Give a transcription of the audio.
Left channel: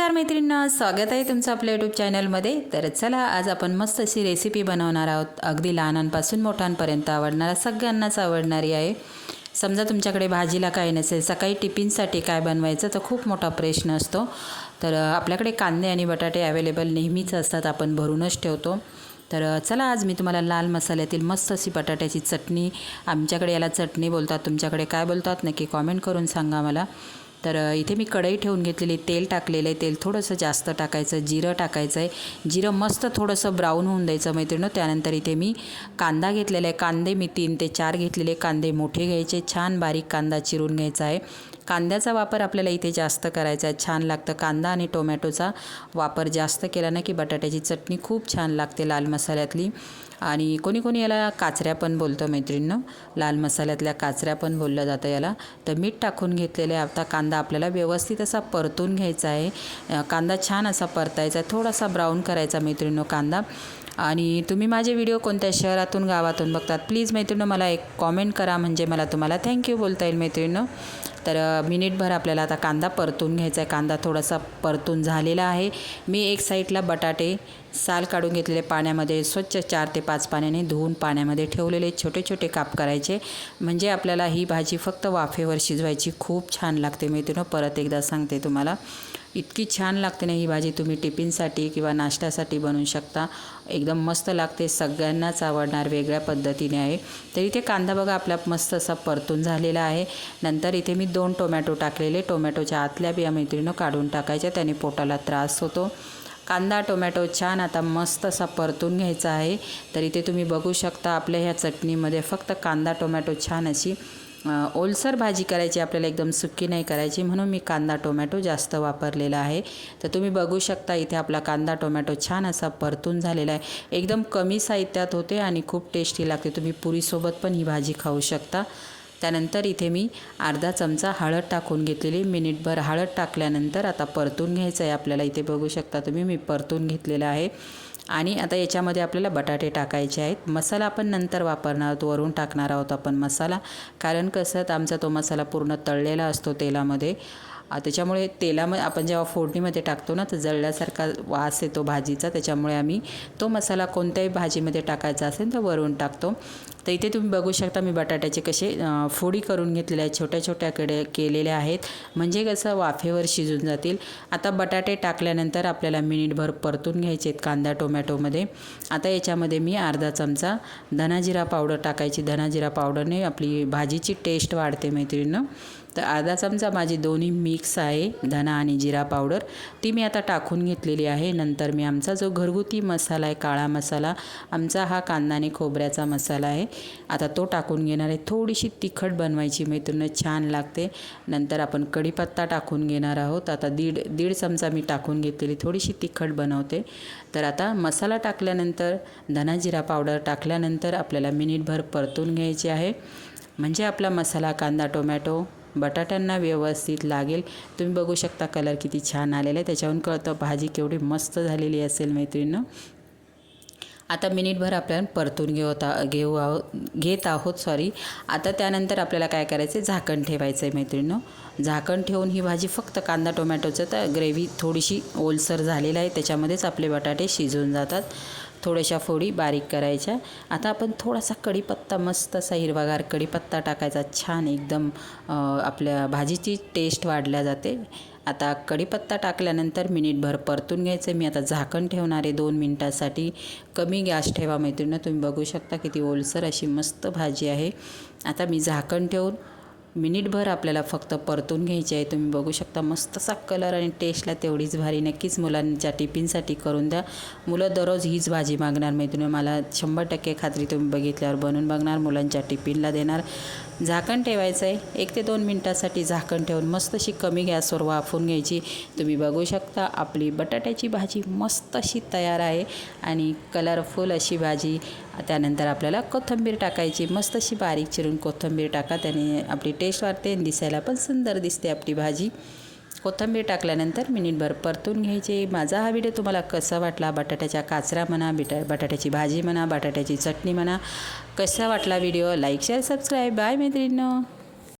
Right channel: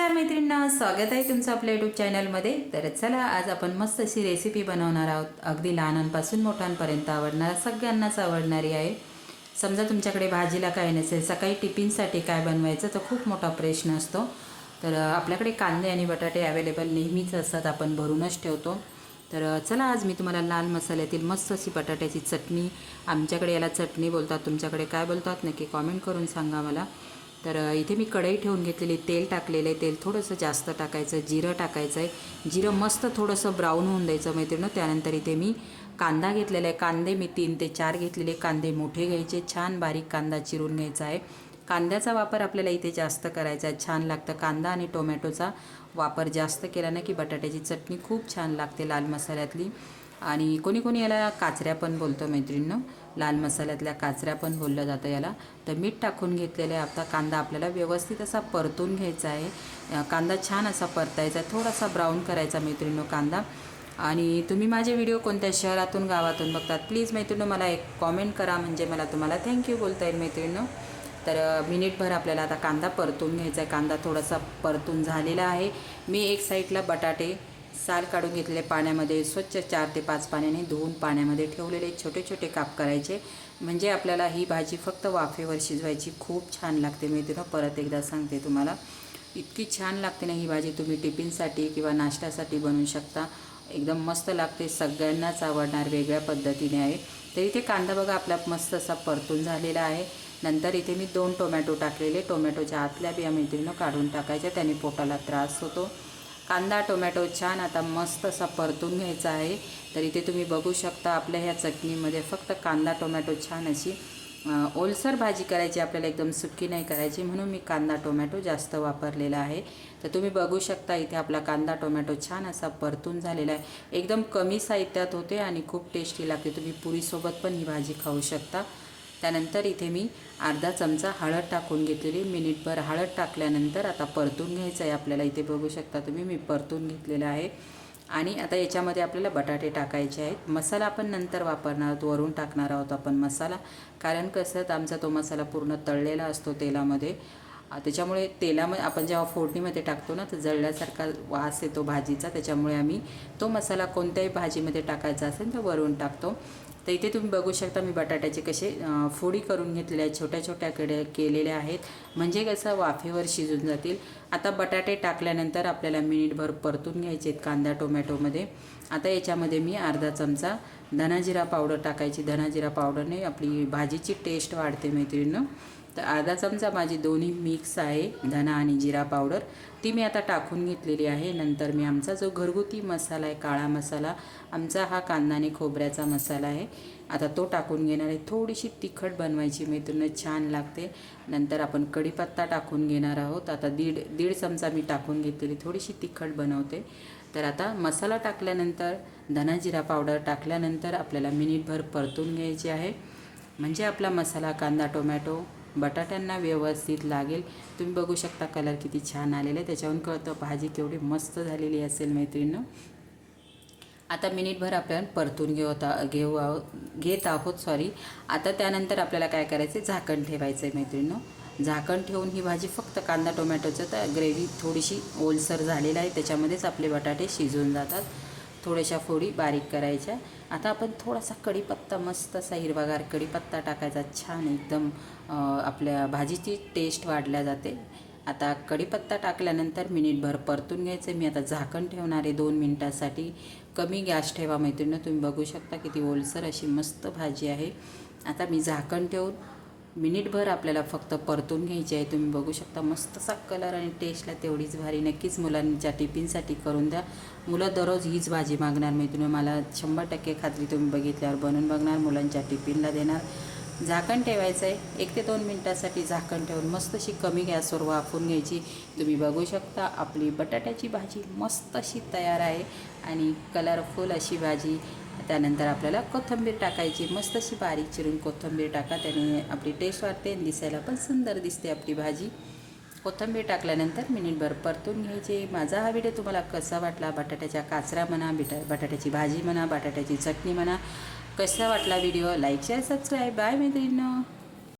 नमस्कार मैत्रिणींनो, स्वागत आहे तुमचं आपल्या यूट्यूब चॅनलमध्ये। तर चला आज आपण मस्त अशी रेसिपी बनवणार आहोत। अगदी लहानांपासून मोठ्यांपर्यंत आवडणार, सगळ्यांनाच आवडणारी आहे। समजा तुमच्याकडे भाजीला काही नसेल, सकाळी टिफिनसाठी काय बनवायचं तर खूप मोठा प्रश्न असतो। तर आपल्याकडे कांदे आणि बटाटे अवेलेबल नेहमीच असतात, आपण भरूनच ठेवतो। तर चला आज मी तुम्हाला लाल मसाल्यातील मस्त अशी बटाट्याची चटणी, आमच्याकडे याला चटणी बोलतात, तुमच्याकडे काय बोलतात नक्की कमेंट करून सांगा मला। तर इथे मी कढई ठेवून घेतलेली, तेल टाकलेलं आहे। तेल थोडंसं जास्त टाकायचं, जिरं टाकायचं आहे। जिरं मस्त थोडंसं ब्राऊन होऊन द्यायचं मैत्रिणींनो। त्यानंतर इथे मी कांदा घेतलेला आहे। कांदे मी 3 ते 4 घेतलेले, कांदे मोठे घ्यायचे, छान बारीक कांदा चिरून घ्यायचा आहे। कांद्याचा वापर आपल्याला इथे जास्त करायचा आहे, छान लागतं। कांदा आणि टोमॅटोचा वापर जास्त केला ना की बटाट्याची चटणी खूप छान लागते लाल मसाल्यातली। आणि कोणी कोणी याला काचऱ्या पण बोलतं मैत्रिणींनो, लाल मसाल्यातल्या काचऱ्या पण बोललं जातं याला। तर मीठ टाकून घेतलेलं आहे। आता कांदा आपल्याला व्यवस्थित असा परतून घ्यायचा आहे। कांदा छान असा परतायचा आहे, थोडासा ब्राऊन करायचा मैत्रिणींनो कांदा। आणि तुम्ही माझे व्हिडिओ कोणत्या शहरातून गावातून बघतात प्लीज मैत्रिणींनो मला एक कॉमेंट करा, म्हणजे मला तुम्हाला थँक्यू बोलता येईल मैत्रिणींनो। तर मिनिटभर आपल्याला आता कांदा परतून घ्यायचा आहे। कांदा थोडासा परतून झालेला आहे। मी एक साईडला बटाटे साल काढून घेतलेले, पाण्यामध्ये स्वच्छ 4 ते 5 पाण्याने धुवून पाण्यामध्ये ठेवलेले, छोटे छोटे काप करायचे, म्हणजे आपल्याला ही भाजी फक्त वाफेवर शिजवायची, खूप छान लागते मैत्रिणींनो। परत एकदा सांगते तुम्हाला, इतकी छान लागते ना ही भाजी, तुम्ही टिफिनसाठी किंवा नाश्त्यासाठी बनवू शकता, एकदम मस्त लागते, सगळ्यांनाच आवडणार, वेगळ्या पद्धतीने आहे। तर इथे कांदा बघा आपला मस्त असा परतून झालेला आहे। नंतर इथे मी 2 टोमॅटो टाकलेले, टोमॅटोच्या आतल्या बिया मैत्रिणींनो काढून टाकायच्या, त्याने पोटाला त्रास होतो। कांदा टोमॅटो छान आता मस्त असा परतून घ्यायचा आहे। तर इथे तुम्ही बघू शकता आपल्या ह्या चटणीमध्ये फक्त कांदा टोमॅटो छान अशी ओलसर भाजी करायची, आपल्याला एकदम सुकी नाही करायची, म्हणून मी कांदा टोमॅटो जास्त वापरलेला आहे। तर तुम्ही बघू शकता इथे आपला कांदा टोमॅटो छान असा परतून झालेला आहे, एकदम कमी साहित्यात होते आणि खूप टेस्टी लागते, तुम्ही पुरीसोबत पण ही भाजी खाऊ शकता। त्यानंतर इथे मी अर्धा चमचा हळद टाकून घेतलेली, मिनिटभर हळद टाकल्यानंतर आता परतून घ्यायचं आहे आपल्याला। इथे बघू शकता तुम्ही, मी परतून घेतलेलं आहे। आणि आता याच्यामध्ये आपल्याला बटाटे टाकायचे आहेत। मसाला आपण नंतर वापरणार आहोत, वरून टाकणार आहोत आपण मसाला, कारण कसं तर आमचा तो मसाला पूर्ण तळलेला असतो तेलामध्ये, त्याच्यामुळे तेलामध्ये आपण जेव्हा फोडणीमध्ये टाकतो ना तर जळल्यासारखा वास येतो भाजीचा, त्याच्यामुळे आम्ही तो मसाला कोणत्याही भाजीमध्ये टाकायचा असेल तर वरून टाकतो। तर इथे तुम्ही बघू शकता मी बटाट्याचे कसे फोडी करून घेतलेले आहेत, छोट्या छोट्या केलेल्या आहेत, म्हणजे कसं वाफेवर शिजून जातील। आता बटाटे टाकल्यानंतर आपल्याला मिनिटभर परतून घ्यायचे आहेत कांदा टोमॅटोमध्ये। आता याच्यामध्ये मी अर्धा चमचा धनाजिरा पावडर टाकायची, धनाजिरा पावडरने आपली भाजीची टेस्ट वाढते मैत्रिणींनो। तर अर्धा चमचा माझी दोन्ही मिक्स आहे, धना आणि जिरा पावडर, ती मी आता टाकून घेतलेली आहे। नंतर मी आमचा जो घरगुती मसाला आहे, काळा मसाला, आमचा हा कांदा आणि खोबऱ्याचा मसाला आहे, आता तो टाकून घेणार आहे। थोडीशी तिखट बनवायची मैत्रिणींनो, छान लागते। नंतर आपण कढीपत्ता टाकून घेणार आहोत, आता दीड चमचा मी टाकून घेतलेली, थोडीशी तिखट बनवते। तर आता मसाला टाकल्यानंतर धनाजिरा पावडर टाकल्यानंतर आपल्याला मिनिटभर परतून घ्यायचे आहे, म्हणजे आपला मसाला कांदा टोमॅटो बटाट्यांना व्यवस्थित लागेल। तुम्ही बघू शकता कलर किती छान आलेला आहे, त्याच्यावरून कळतं भाजी केवढी मस्त झालेली असेल मैत्रिणींनो। आता मिनिटभर आपल्याला परतून घेत आहोत आता त्यानंतर आपल्याला काय करायचं आहे, झाकण ठेवायचं आहे मैत्रिणींनो। झाकण ठेवून ही भाजी फक्त कांदा टोमॅटोचं तर ग्रेव्ही थोडीशी ओलसर झालेला आहे, त्याच्यामध्येच आपले बटाटे शिजून जातात। थोड्याशा फोडी बारीक करायच्या। आता आपण थोडासा कढीपत्ता, मस्त असा हिरवागार कढीपत्ता टाकायचा, छान एकदम आपल्या भाजीची टेस्ट वाढल्या जाते। आता कढीपत्ता टाकल्यानंतर मिनिटभर परतून घ्यायचं। मी आता झाकण ठेवणार आहे 2 मिनिटासाठी, कमी गॅस ठेवा मैत्रिणींनो। तुम्ही बघू शकता किती ओलसर अशी मस्त भाजी आहे। आता मी झाकण ठेवून मिनिटभर आपल्याला फक्त परतून घ्यायची आहे। तुम्ही बघू शकता मस्त असा कलर आणि टेस्टला तेवढीच भारी, नक्कीच मुलांच्या टिफिनसाठी करून द्या, मुलं दररोज हीच भाजी मागणार मैत्रिणींनो, मला 100% खात्री, तुम्ही बघितल्यावर बनवून बघणार, मुलांच्या टिफिनला देणार। झाकण ठेवायचं आहे 1 ते 2 मिनिटासाठी, झाकण ठेवून मस्त अशी कमी गॅसवर वाफवून घ्यायची। तुम्ही बघू शकता आपली बटाट्याची भाजी मस्त अशी तयार आहे आणि कलरफुल अशी भाजी। त्यानंतर आपल्याला कोथिंबीर टाकायची, मस्त अशी बारीक चिरून कोथिंबीर टाका, त्याने आपली टेस्ट वाढते आणि दिसायला पण सुंदर दिसते आपली भाजी। कोथिंबीर टाकल्यानंतर मिनिटभर परतून घ्यायचे। माझा हा व्हिडिओ तुम्हाला कसा वाटला, बटाट्याच्या काचऱ्या म्हणा, बटाट्याची भाजी म्हणा, बटाट्याची चटणी म्हणा, कसा वाटला video, like share subscribe. Bye मैत्रिणींनो।